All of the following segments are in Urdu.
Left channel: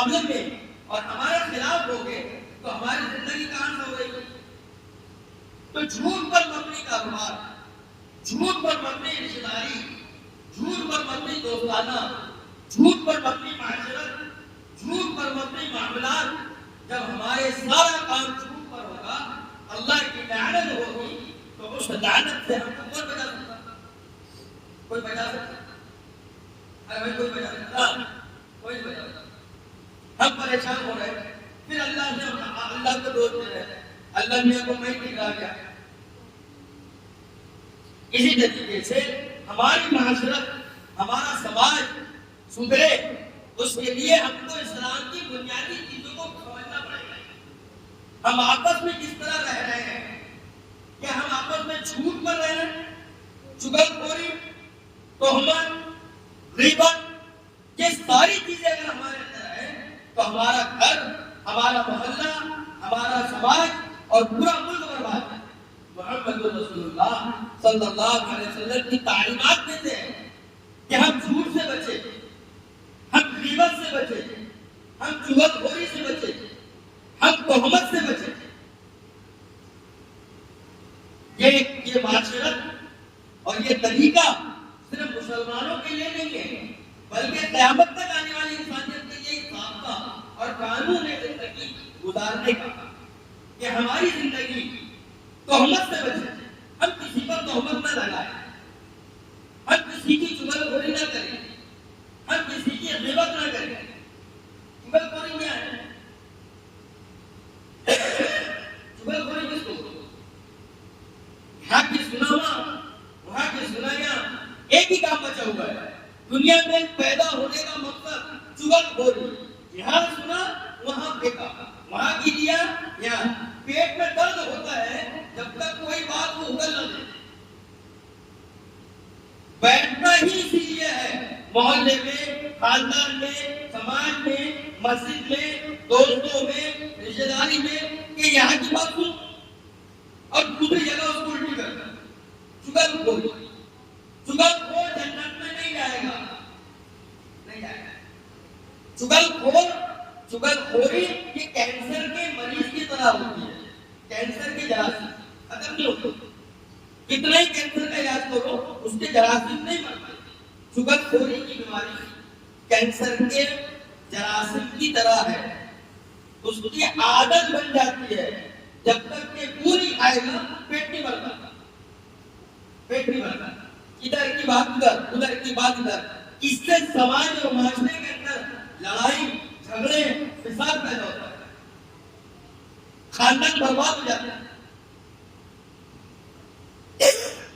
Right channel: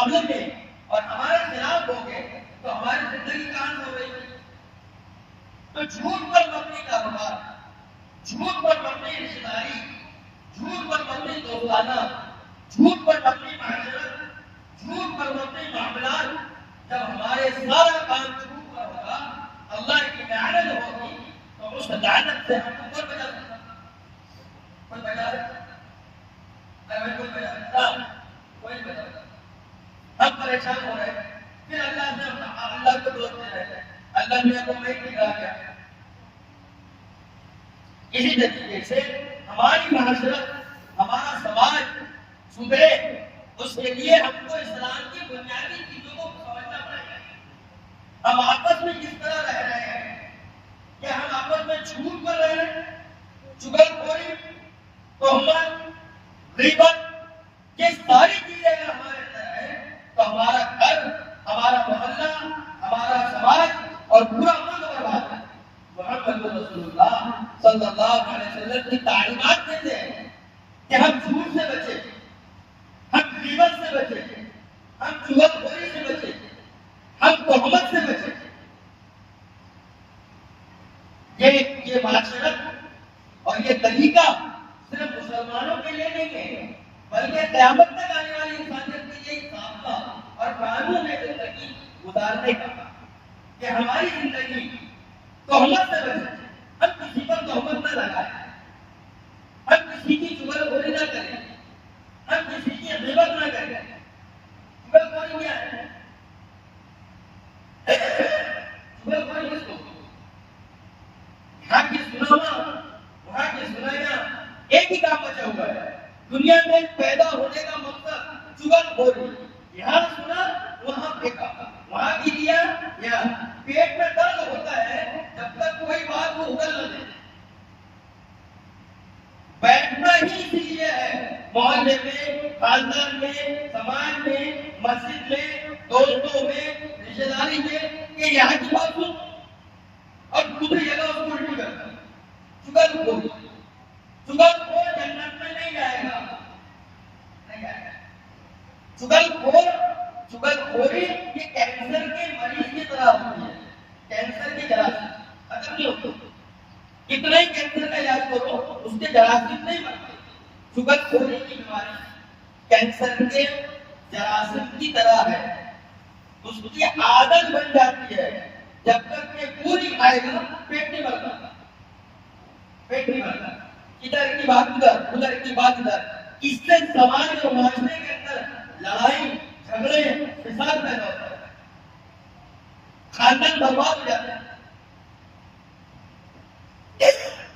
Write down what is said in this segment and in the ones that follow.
مقابلے میں اور ہمارے خلاف ہو گئے تو ہماری زندگی کہاں سے ہو گئی؟ تو جھوٹ پر مبنی کاروبار، جھوٹ پر مبنی رشتہ داری، جھوٹ پر مبنی دوستانہ، جھوٹ پر مبنی معاشرت، جھوٹ پر مبنی معاملات، جب ہمارے سارا کام جھوٹ پر ہوگا، اللہ کی لعنت ہوگی، تو اس لعنت سے ہم کو بچا سکتا؟ کوئی بچا سکتا؟ اگر کوئی بچا سکتا؟ کوئی نہیں بچا سکتا۔ ہم پریشان ہو رہے ہیں، پھر اللہ کو دوست دے رہے ہیں، اللہ میاں کو میں نہیں کہا گیا۔ اسی طریقے سے ہماری معاشرت، ہمارا سماج سدھرے، اس کے لیے ہم کو اسلام کی بنیادی چیزوں کو سمجھنا پڑے گا۔ ہم آپس میں کس طرح رہ رہے ہیں؟ کیا ہم آپس میں جھوٹ کر رہے ہیں؟ چغلخوری، تہمت، غیبت، یہ ساری چیزیں اگر ہمارے اندر ہیں تو ہمارا گھر، ہمارا محلہ، ہمارا سماج اور پورا ملک برباد ہے۔ محمد رسول اللہ صلی اللہ علیہ وسلم کی تعلیمات میں سے ہے کہ ہم جھوٹ سے بچیں، ہم غیبت سے بچیں، ہم چغلخوری سے بچیں، ہم تہمت سے بچیں۔ یہ معاشرت اور یہ طریقہ صرف مسلمانوں کے لیے نہیں ہے، بلکہ قیامت تک آنے والی انسانیت کے لیے ضابطہ اور قانون ہے زندگی گزارنے کا، کہ ہماری زندگی تہمت سے بچے، ہم کسی پر تہمت نہ لگائیں، ہم کسی کی چغلخوری نہ کریں، ہم کسی کی غیبت نہ کریں۔ چغلخوری کیا ہے؟ چغلخوری کس کو؟ یہاں کی سنانا، وہاں کی سنایا، ایک ہی کام بچا ہوا ہے۔ دنیا میں پیدا ہونے کا مقصد چغلخوری، یہاں سنا وہاں پھینکا، وہاں کی لیا یہاں۔ پیٹ میں درد ہوتا ہے جب تک کوئی بات وہ اگل نہ دے۔ بیٹھنا ہی اسی لیے ہے، محلے میں، خاندان میں، سماج میں، مسجد میں، دوستوں میں، رشتہ داری میں، کہ یہاں کی بات سن اور دوسری جگہ اس کو الٹی کرتا ہے۔ چغلخوری، چغلخور جنت میں نہیں جائے گا، نہیں جائے گا۔ چغلخوری یہ کینسر کے مریض کی طرح ہوتی ہے، کینسر کے جراثیم ختم نہیں ہوتے، کتنا ہی کینسر کا علاج کرو اس کے جراثیم نہیں مرتے۔ چغلخوری کی بیماری کینسر کے جراثیم کی طرح ہے، اس کی عادت بن جاتی ہے، جب تک کہ پوری کھائے گا پیٹ نہیں بھرتا، پیٹ نہیں بھرتا، ادھر کی بات ادھر، ادھر کی بات ادھر۔ اس سے سماج اور معاشرے کے اندر لڑائی جھگڑے فساد پیدا ہوتا ہے، خاندان برباد ہو جاتا ہے،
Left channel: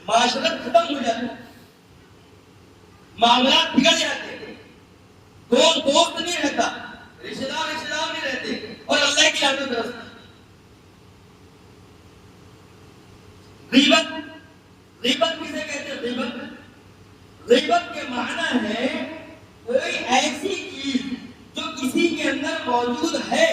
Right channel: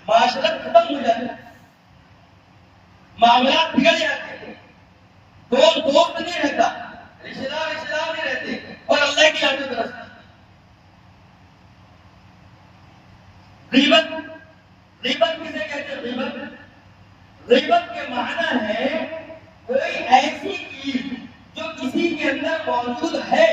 معاشرت ختم ہو جاتا ہے، معاملات بگڑ جاتے ہیں، دوست نہیں رہتا، رشتہ دار نہیں رہتے، اور اللہ کی لعنت برستی۔ غیبت کسے کہتے ہیں؟ غیبت کے معنی ہے کوئی ایسی چیز جو کسی کے اندر موجود ہے،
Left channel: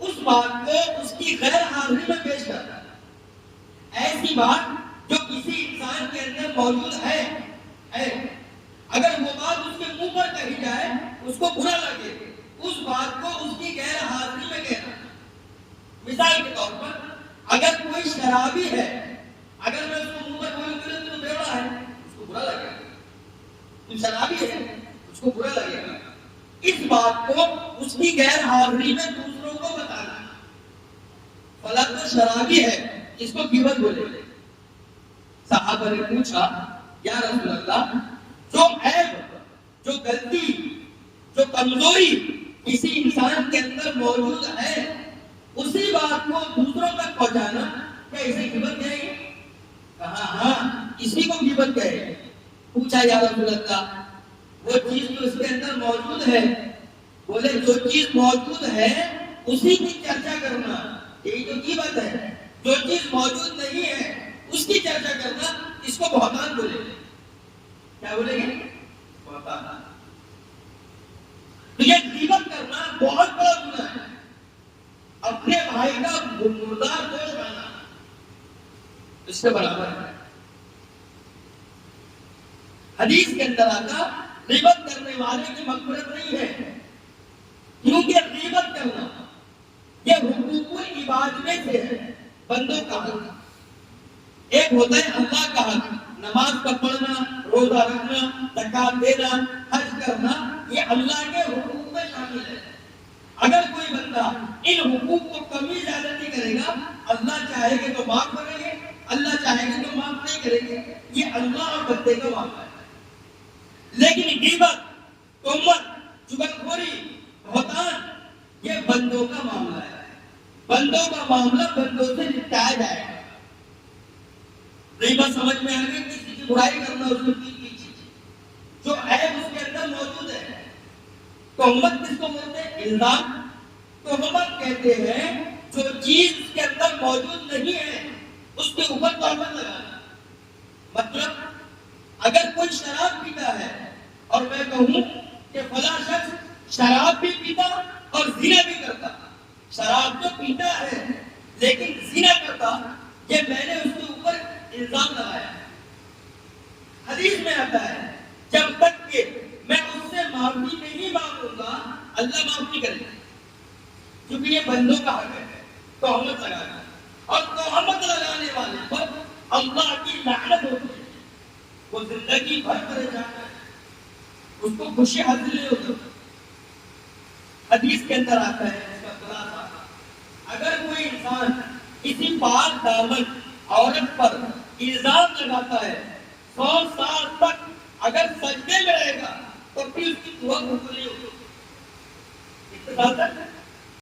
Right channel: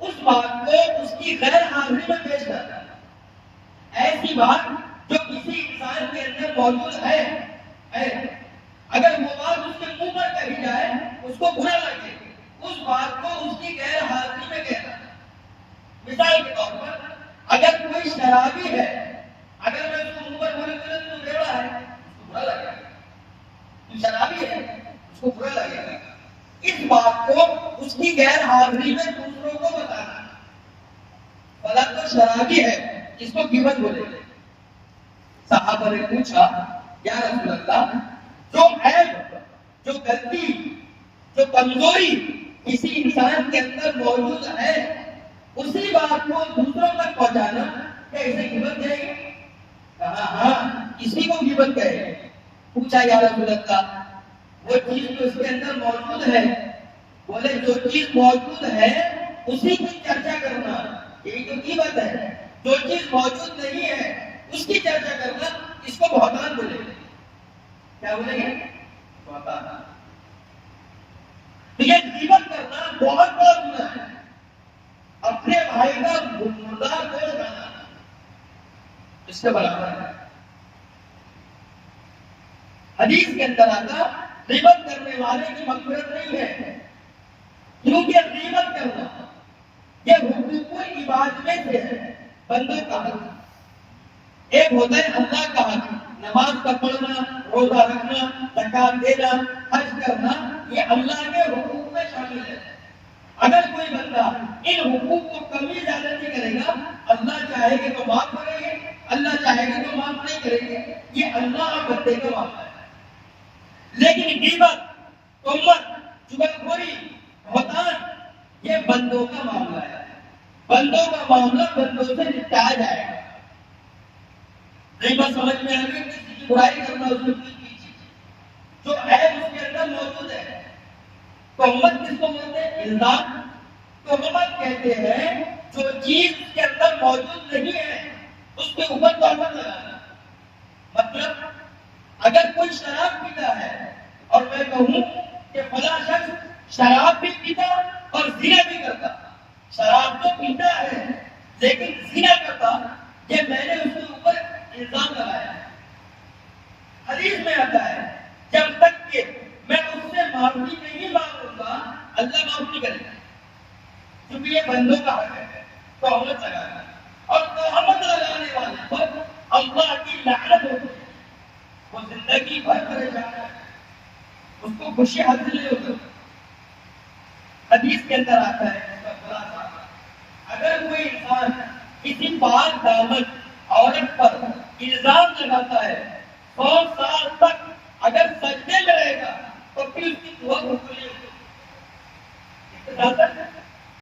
اس بات کو اس کی غیر حاضری میں پیش کرتا ہے۔ ایسی بات جو کسی انسان کے اندر موجود ہے، اگر وہ بات اس کے منہ پر کہی جائے اس کو برا لگے، اس بات کو اس کی غیر حاضری میں کہتا ہے۔ مثال کے طور پر اگر کوئی شرابی ہے، اگر میں اس کو منہ پر بولوں کہ تو بیڑا ہے، اس کو برا لگے گا۔ تو شرابی ہے، اس کو برا لگے گا۔ اس بات کو اس کی غیر حاضری میں دوسروں کو بتانا، فلاں تو شرابی ہے، اس کو غیبت بولے۔ صحابہ نے پوچھا یا رسول اللہ، جو عیب، جو غلطی، جو کمزوری کسی انسان کے اندر موجود ہے، اسی بات کو دوسروں تک پہنچانا کیا اسے غیبت کہے گا؟ کہا ہاں، اسی کو غیبت کہے گا۔ پوچھا یا رسول اللہ، وہ چیز تو اس کے اندر موجود ہے؟ بولے جو چیز موجود ہے اسی کی چرچا کرنا یہی تو غیبت ہے، جو چیز موجود نہیں ہے اس کی چرچا کرنا اس کو بہتان بولے گا۔ کیا بولے گا؟ بہتان۔ یہ غیبت کرنا بہت بڑا گناہ ہے، اپنے بھائی کا مردار گوشت کھانا اس سے برابر ہے۔ حدیث کے اندر آتا غیبت کرنے والے کی مغفرت نہیں ہے، کیونکہ غیبت کرنا یہ حقوق العباد میں سے ہے، بندوں کا حق۔ ایک ہوتا ہے اللہ کا حق، نماز کا پڑھنا، روزہ رکھنا، زکات دینا، حج کرنا، یہ اللہ کے حقوق میں شامل ہے۔ اگر کوئی بندہ ان حقوق کو کمی زیادتی کرے گا، اللہ چاہے گا تو معاف کرے گے، اللہ چاہے گا تو معاف نہیں کرے گے، یہ اللہ اور بندے کا معاملہ ہے۔ لیکن غیبت، تہمت، چغلخوری، بہتان، یہ بندوں کا معاملہ ہے۔ بندوں کا معاملہ بندوں سے نپٹایا جائے گا۔ غیبت سمجھ میں آ گئی، کسی کی برائی کرنا، اس کی چیز جو عیب اس کے اندر موجود ہے۔ تہمت کس کو بولتے ہیں؟ الزام۔ تہمت کہتے ہیں جو چیز اس کے اندر موجود نہیں ہے اس کے اوپر تہمت لگانا۔ مطلب اگر کوئی شراب پیتا ہے اور میں کہوں کہ فلاں شخص شراب بھی پیتا اور زنا بھی کرتا، شراب تو پیتا ہے لیکن زنا کرتا، یہ میں نے اس کے اوپر الزام لگایا۔ حدیث میں آتا ہے جب تک کہ میں اس سے معافی نہیں مانگوں گا اللہ معاف نہیں کرے گا، کیونکہ یہ بندوں کا حق ہے تہمت لگانا، اور تہمت لگانے والے پر اللہ کی لعنت ہوتی ہے، وہ زندگی بھر پریشان ہے، اس کو خوشی حاصل نہیں ہوتی۔ حدیث کے اندر آتا ہے اس کا خلاصہ، اگر کوئی انسان کسی پاک دامن عورت پر الزام لگاتا ہے 100 سال تک اگر سجدے میں رہے گا تو پھر اس کی دعا قبول نہیں ہوگی۔